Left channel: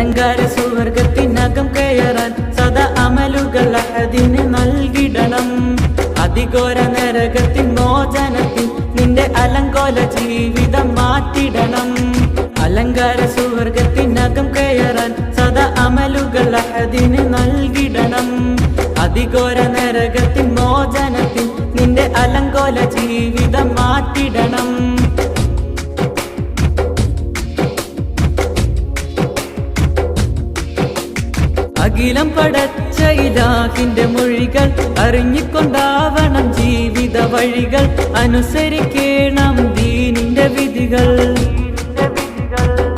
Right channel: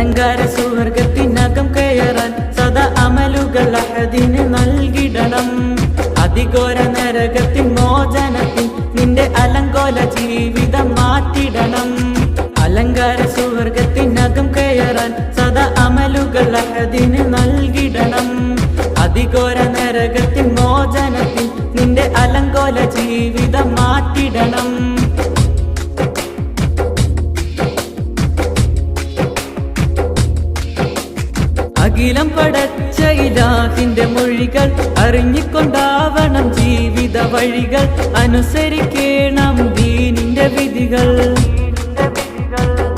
അലങ്കാര സുവർഗത്തിനകം കയറാൻ സദാ അമലുകൾ അഹദിന് നൽകിടണം. അതിഘോര നരകത്തിൻ മോചനത്തിൽ നിന്റെ അലങ്കോല ജീവിതം മാറ്റിടണം. അലങ്കാര സുവർഗത്തിനകം കയറാൻ സദാ അമലുകൾ അഹദിന് നൽകിടണം. അതിഘോര നരകത്തിൻ മോചനത്തിൽ നിന്റെ അലങ്കോല ജീവിതം മാറ്റിടണം. അഖിലം പടച്ച ഇലാഹിന്റെ മൊഴികൾ അറിഞ്ഞിക്കൊണ്ടാവണം ജീവിത വഴികൾ. അനുസരിക്കണം ദീനിന്റെ വിധികൾ.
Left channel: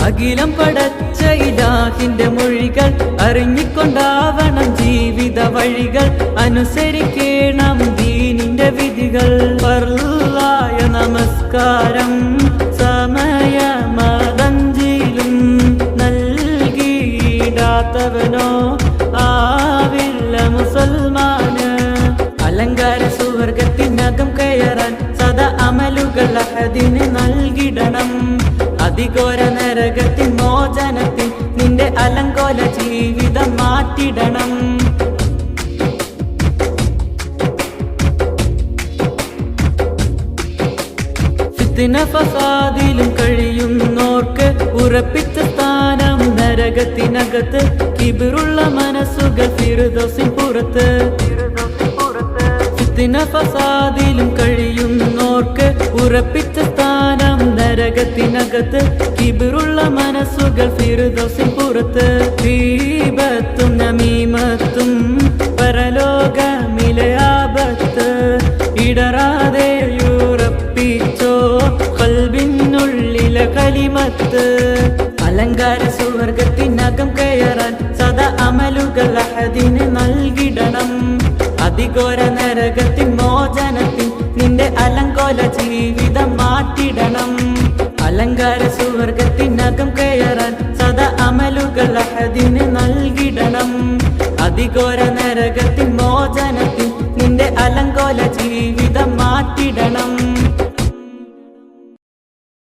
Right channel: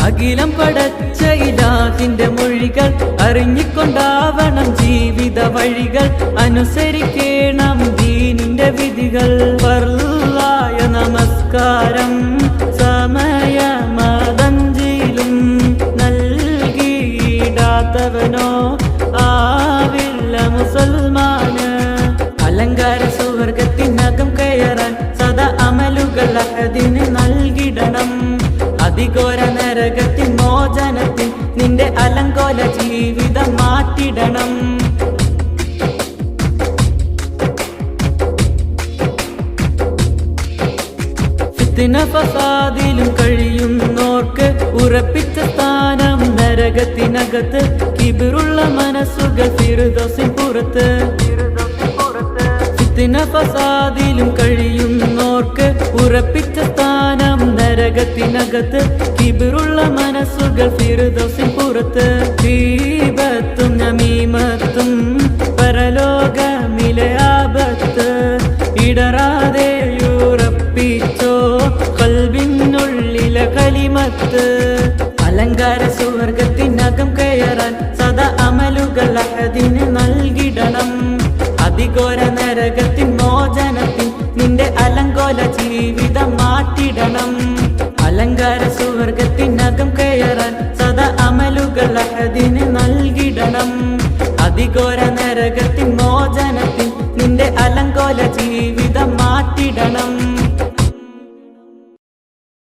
അഖിലം പടച്ച ഇലാഹിന്റെ മൊഴികൾ അറിഞ്ഞിക്കൊണ്ടാവണം ജീവിത വഴികൾ. അനുസരിക്കണം ദീനിന്റെ വിധികൾ. ഫർളായ നമസ്കാരം സമയമതഞ്ചിലും നൽകിയിടാത്തവനോ ആവില്ല മുസൽമാന്. അലങ്കാര സുവർഗത്തിനകം കയറാൻ സദാ അമലുകൾ അഹദിന് നൽകിടണം. അതിഘോര നരകത്തിൻ മോചനത്തിൽ നിന്റെ അലങ്കോല ജീവിതം മാറ്റിടണം. ഫിത്ന ഫസാദിലും കഴിയുന്നോർക്ക് ഉറപ്പിച്ച സ്ഥാനം നരകത്തിനകത്ത്. കിബിറുള്ള മനസ്സുകൾ ഫിർദൗസിൻ പുറത്ത്. ഫിത്ന ഫസാദിലും കഴിയുന്നോർക്ക് ഉറപ്പിച്ച സ്ഥാനം നരകത്തിനകത്ത്. കിബിറുള്ള മനസ്സുകൾ ഫിർദൗസിൻ പുറത്ത്. ഗീബത്തും നമീമത്തും പരലോകമിലെ ആപത്ത്. ഇടറാതെയുറപ്പിച്ചോ ഖൽബിനുള്ളിലെ കലിമത്ത്. അലങ്കാര സുവർഗത്തിനകം കയറാൻ സദാ അമലുകൾ അഹദിന് നൽകിടണം. അതിഘോര നരകത്തിൻ മോചനത്തിൽ നിന്റെ അലങ്കോല ജീവിതം മാറ്റിടണം. അലങ്കാര സുവർഗത്തിനകം കയറാൻ സദാ അമലുകൾ അഹദിന് നൽകിടണം. അതിഘോര നരകത്തിൻ മോചനത്തിൽ നിന്റെ അലങ്കോല ജീവിതം മാറ്റിടണം.